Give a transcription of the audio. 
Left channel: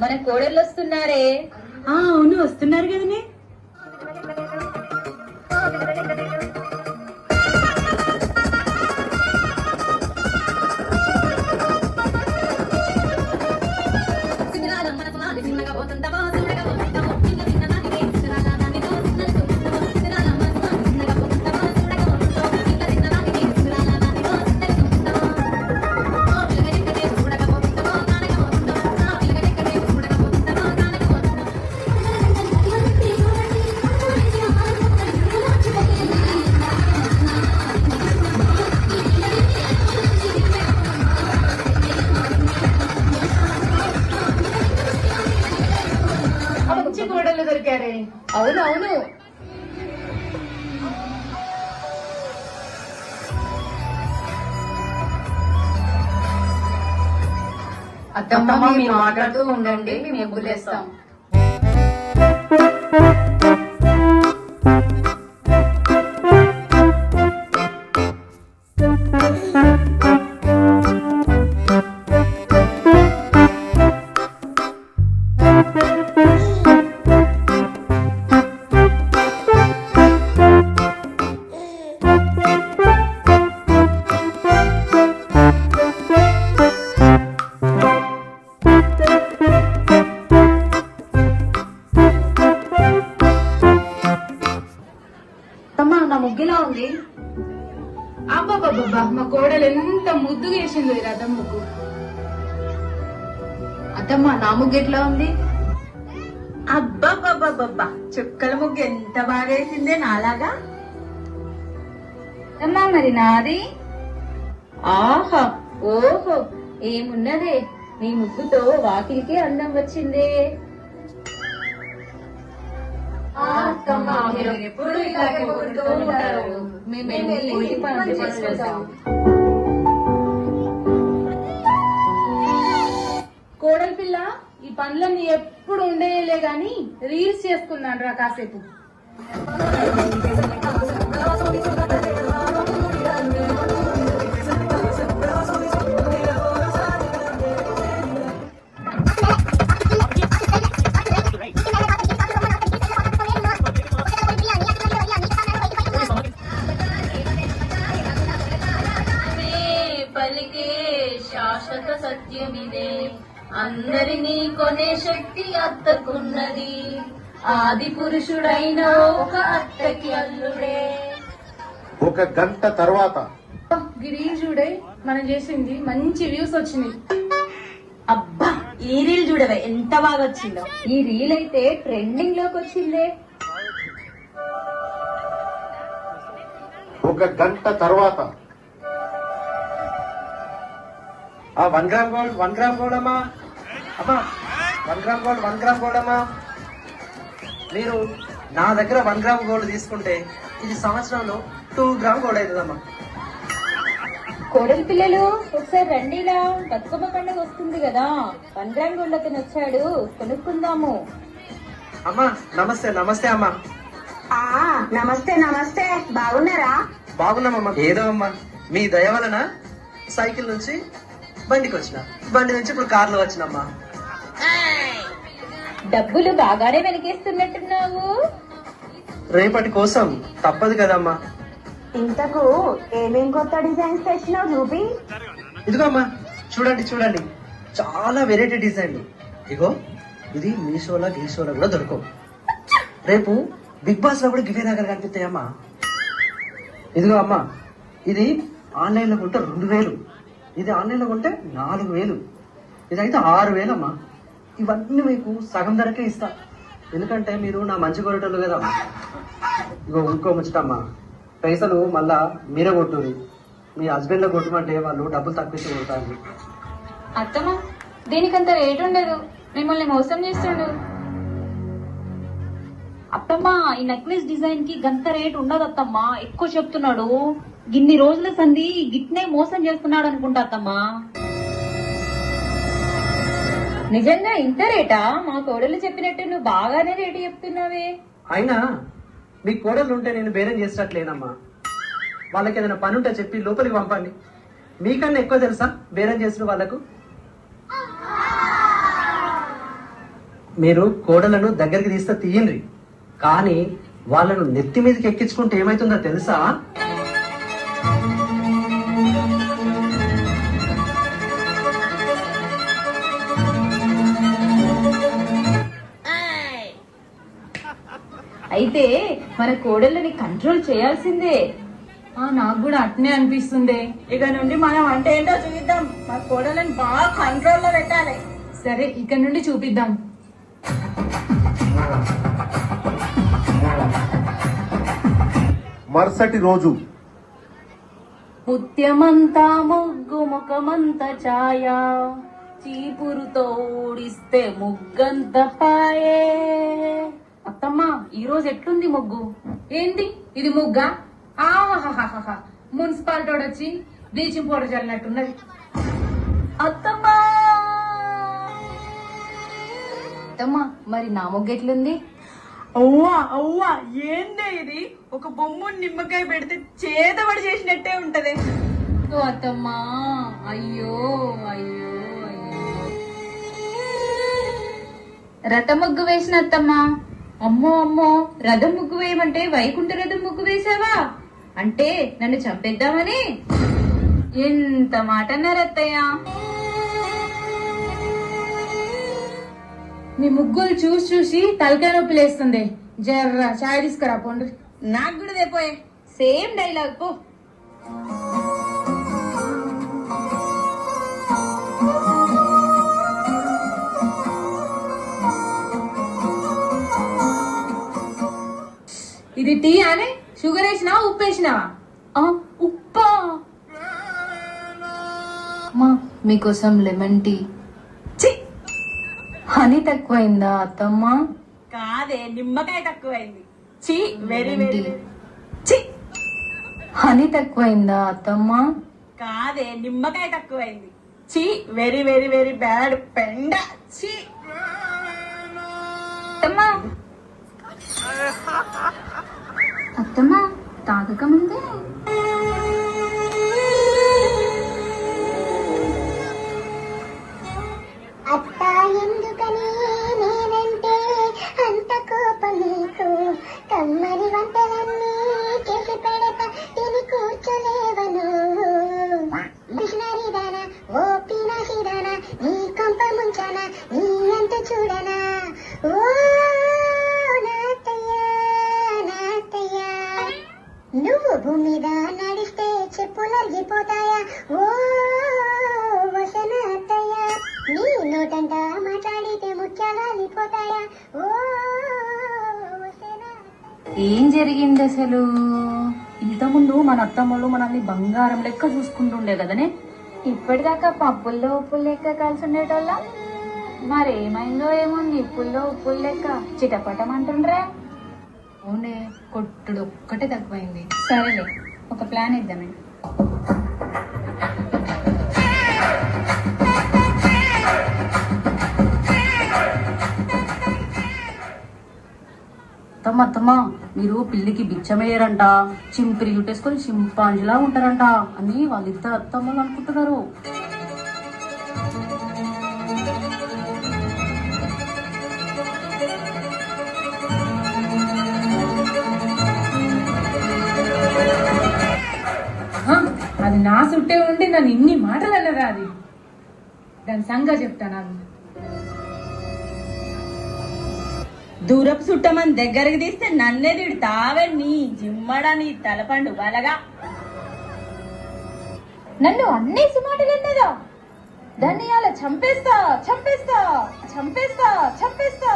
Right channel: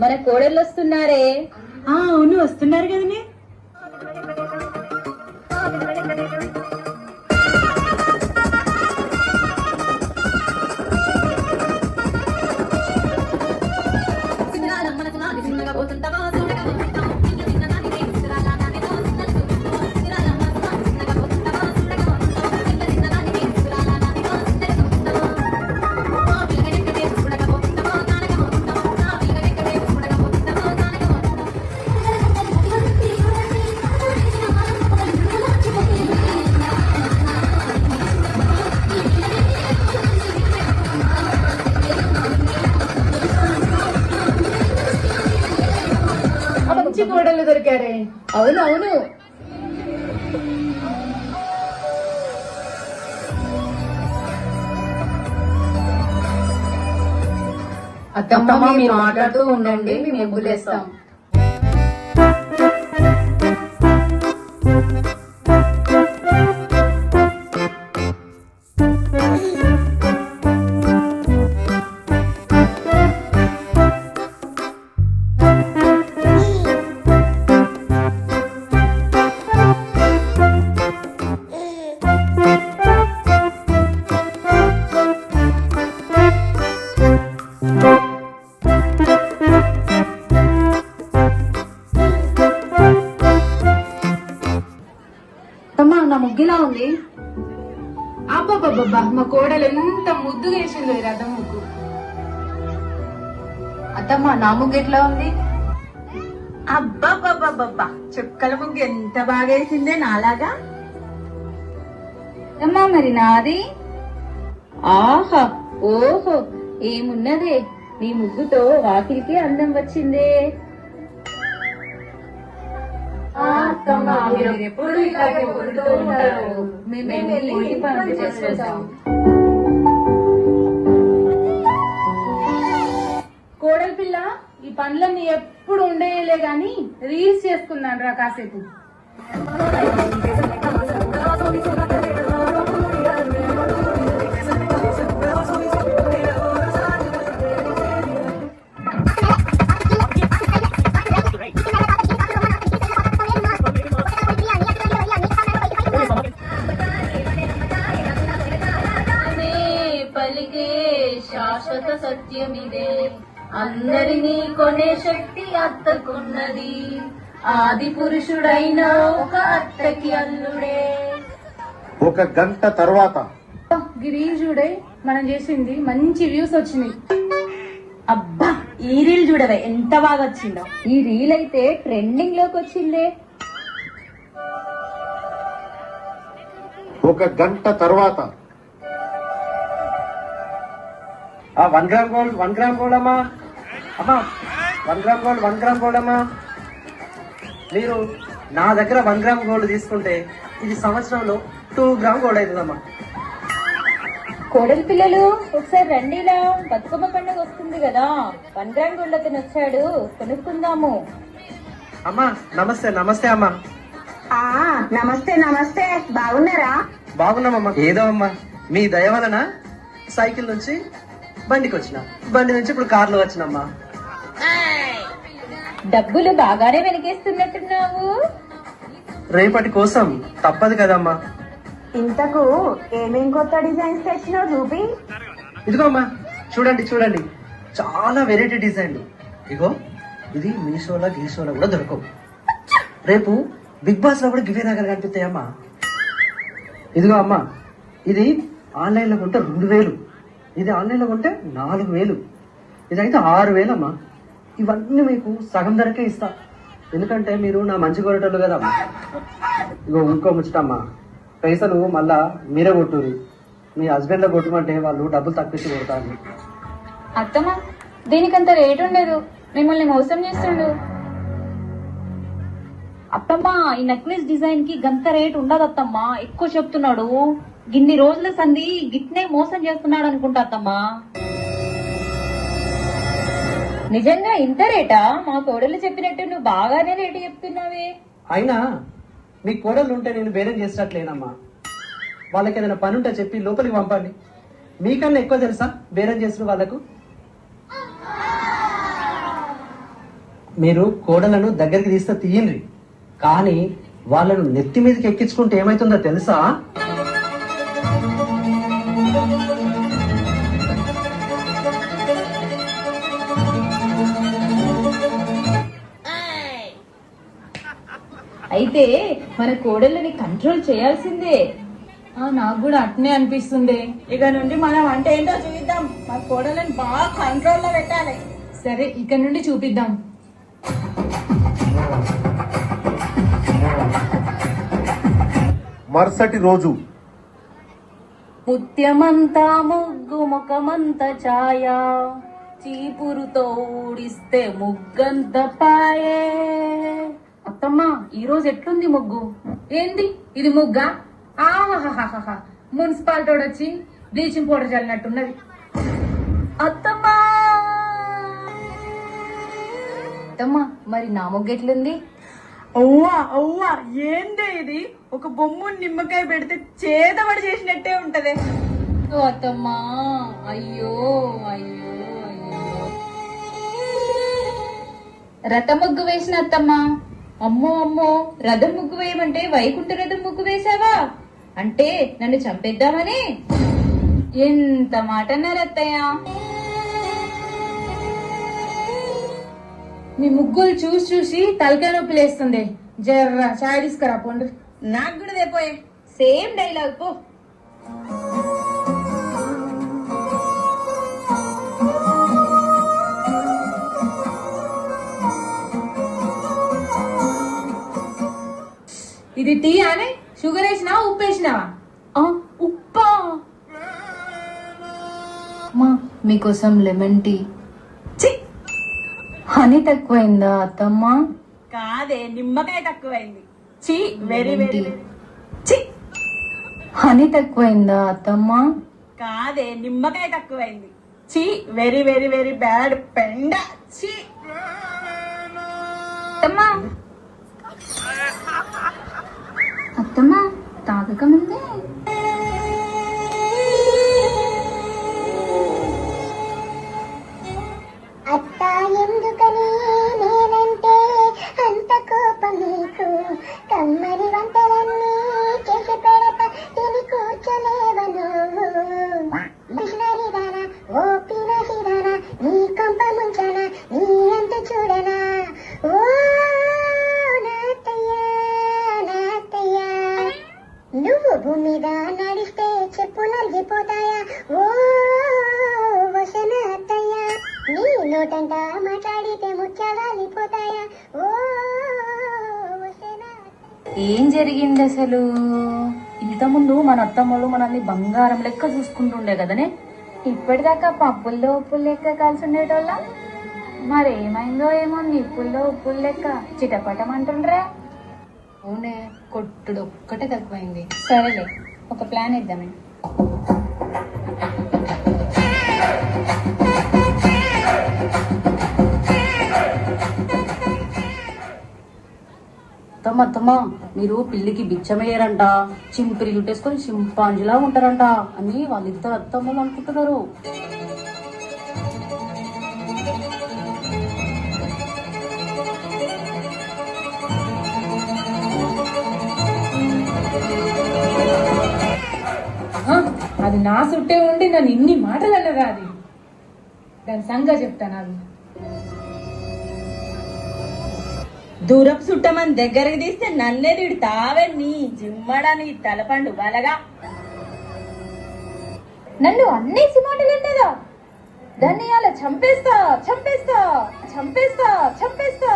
మన కోడళ్ళు వస్తున్నారే? అవును వస్తున్నారు కదనే. అత్తమ్మ మీరు మాట్లాడుతూ ఉండండి మేము గులేస్తాం ముగ్గులా ఉంది. అబ్బాబ్బాబ్బా మా కోడలు ఎంత ముద్దుగా వేసింది రథమ్మకు అత్తమ్మ నా ముగ్గు ఎట్లా ఉంది? అబ్బబ్బబ్బబ్బబ్బా చుక్కల ముగ్గు ఎంత బాగా వేసిందే నాలాగా? అమ్మా మరి నాది? ఆహా ఓహో ఏమున్నదే? నీ ముగ్గుతో వాకిలికి అందం వచ్చింది. ఎప్పుడు ఇలాగే ఊరుతూ ఉంటారు. మేము వెళ్ళి ఇంటి పనులు కోడలి పిల్ల ఈ పనులన్నీ ఎప్పుడు ఉండేయలే గాని రీల్స్ చేసుకున్నాను రా కాసేపు. అందరినీ కొనే శక్తి అత్తకున్నది ఆది పురుషుడైన ఒక అత్తకి అల్లుడే. ఒక గంట తర్వాత గిరీష్ చూడే మనం చేసింది మంచి వ్యూస్ వచ్చింది అబ్బా ఈ రీల్ చూడవే ఎంత బాగా వచ్చిందో. ఈ రీల్ అయితే ట్రెండింగ్లోకి వచ్చిందే. ఒక గంట తర్వాత ఆ one gram gold one gram gold అమ్మా. అమ్మా one gram gold one gram gold అమ్మా. మీరు నా దగ్గర వన్ గ్రామ్ గోల్డ్ తీసుకుంటే ఇది సంవత్సరంలో టూ గ్రామ్ గోల్డ్ అవుతుందమ్మా. కోడలి పిల్లలు ఒకసారి రండిలా బతుకమ్మ పండుగ వస్తుంది కదా. వన్ గ్రామ్ గోల్డ్ అతను వచ్చాడు. కొనుక్కుందాము. అమ్మా నమస్తే నమస్తే అమ్మా. ఆ నమస్తే నమస్తే. బాగున్నారా? బాగున్నామమ్మా. ఏదో అమ్మా మీ దయ వలన సైకిల్ నుంచి బండికి వచ్చిన బండి నుంచి ఇప్పుడు కార్లో వచ్చినమ్మా. డబ్బులు బాగానే వెనకేస్తున్నట్టున్నావు రేపటి కోసం తప్పదు కదమ్మా. ఇంతకు ఏమేం కొత్త డిజైన్స్ తెచ్చినావు చూపి ఇదిగో అమ్మా చూడండి చూడండి. చాలా వెరైటీ డిజైన్ ఇగో ఇది మీషోలో గీషోలో కూడా దొరకవు. రేపు బిగ్ బాస్లో కూడా గివే దగ్గర కనిపిస్తాయమ్మా. ఇదిగో అమ్మా ఇది ఆన్లైన్లో కొంటే రెండు వేలు. ఇది ఆన్లైన్లో కొంటే నాలుగు వేలు. ఇదైతే ఆరు వేలు అమ్మా ఇవన్నీ మీకు సగం ధరకే ఇస్తా. ఎందుకంటే మీరు నా మంచి కొరటలు కదా. ఇగో ఇంకో ముచ్చటమ్మా. పైసలు మళ్ళా మీరే కొట్టుది మీ హస్బెండ్లో కొట్టమంటే వాళ్ళు డబ్బులు తప్పించి కొడతారు. అత్తమ్మా దీనికంత రేటు ఉండదు? మిమ్మల్ని మోసం చేస్తుండు. అత్తమ్మా ఈ నెక్లెస్ డిజైన్కి గంత రేట్ ఉండదు అత్తమ్మా ఎక్కువ చెప్తున్నాడు. గిన్ని రోజుల సంది గిట్నే మోసం చేస్తున్నాడు అనుకుంటా అత్తమ్మా. నిజంగా ఇంత రేటా? మా కోడలు చెప్పినట్టు నువ్వు బాగానే రేటు చెప్తున్నావే. అయినా మీ కోడలు ఉంటే నేను బేరం చేసినట్లేనమ్మా. వాళ్ళకి ఏదైనా పని ఉంటే చెప్పి లోపలికి పంపండి. మీకన్నా ఎక్కువ తెలుసా బేరం చేసిన వాళ్ళకు? మీరు కోడలను దగ్గరికి తీస్తే తీయండి. కానీ వాళ్ళను నెత్తి మీదకి ఎక్కించుకుంటే ఏమైతుందో తెలుసా? అయితే మన కోడళ్ళని కంట్రోల్ చేయాల్సిందే. ఆ, నాకు కూడా అట్నే అనిపిస్తుంది. ఇక నుండి మనం అంటే ఏంటో చూద్దాం మన కోడలను బాగా కంట్రోల్లో పెట్టాలి. సరే ఇక్కడ నుండి చూపిద్దాం. మరుసటి రోజు ముత్యమంతా ముగ్గు ముఖమంత ఛాయ. చీపురుతో ఊడిస్తే ముగ్గంత పాయే. అత్తమ్మ ఈ రోజు ఎట్లుంది ముగ్గు? ఏంది? ఇది ముగ్గా? ఆహాహాహా మున్సిపాలిటీ వచ్చి బ్లీచింగ్ పౌడర్ చల్లినట్టున్నది. అత్తమ్మా! అత్తమ్మ మరి నా ముగ్గు ఎట్లుంది? అవ్వా అవ్వా ఏందే ఇది? ఒక బొమ్మ నిమ్మకాయ పెడితే చేతబడి చేసినట్టే ఉంటది. ఓ అత్తమ్మా అయ్యో అయ్యో అయ్యో. రథ ముగ్గు వేసిన అత్తమ్మా అమ్మో అమ్మో రథం ముగ్గు వేయమంటే వైకుంఠ రథం ముగ్గు వేసావా? అంటే నన్ను చంపేద్దామని? ఎంత మాట అన్నారు మీ ముగ్గులు చూసి చూసి తలకాయ నొప్పి లేస్తుంది. జర్ర చాయ్ తీసుకురా పండు. నాకు కూడా తెపోయే సేమ్ డైలాగ్ పో. ఇది టీ అని షుగర్ వేసినావా ఉప్పు వేసినావా ఆ, ఉప్పా? మా మీకోసం లెమన్ టీ. చీ హనీ తక్కువైందా అత్తమ్మ? కాదే నిమ్మకాయ తక్కువైంది. చీ వెరీ వెరీ ఛీ! హనీ తక్కువైందా అత్తమ్మ? కాదే నిమ్మకాయ తక్కువైంది. చీ వెరీ వెరీ వెరీ బ్యాడ్. పెండ. చీ. అత్తమ్మ కమ్మని వంటలన్నీ చేసి పెడత తిని కూర్చోలేవను. ఓ నీ కొంప నీ అంత చూడనా. ఓ నాతయ్య నాతయ్య నువ్వు భూమి నడిస్తే చెప్పులు ఓ వసనత్తయ్య నీ నోటంట మాట్లాడితే ముఖ్యాలు అరిగిపోతాయా ఓ వసన ఏం జరిగింది అసలు? ఇంతకుముందు మన అత్తమ్మలు మనల్ని బంగారం లెక్క చూసుకుంటుండే కదనే? ఇప్పటిదాకా పప్పుల్లో ఉప్పులు లెక్క కలిసి ఉండేటోళ్ళ మరేమైందో ఏమో నిప్పుల్లో ఉప్పులు లెక్క. చిటపటం అంటుండ్రే. అవునే కొట్టుడు ఒక్కటే తక్కువైంది. సరేలే ఒక ప్లాన్ ఇద్దామండి అత్తమ్మ మీరు పిల్లికి బిచ్చమయ్యారంట చింపిరి చుట్టేసుకొని చింపాంజిలా ఉంటారంట అని వాళ్ళిద్దరు అత్తమ్మలు అనుకుంటున్నారు. అది నా చుట్టే ఉండి నన్ను ఇన్ని మాటలు అన్నదా అది. దాని సంగా చెప్తాను దూరపు చుట్టమని దగ్గరికి తీస్తే నన్నే తిడతావే నీ జిమ్మడా నీ తలపండు బలగా. నన్ను అన్నేసి మాటలు అన్నదా దాన్ని అలా చంపేస్తా చంపేస్తా చంపేస్తా చంపేస్తా.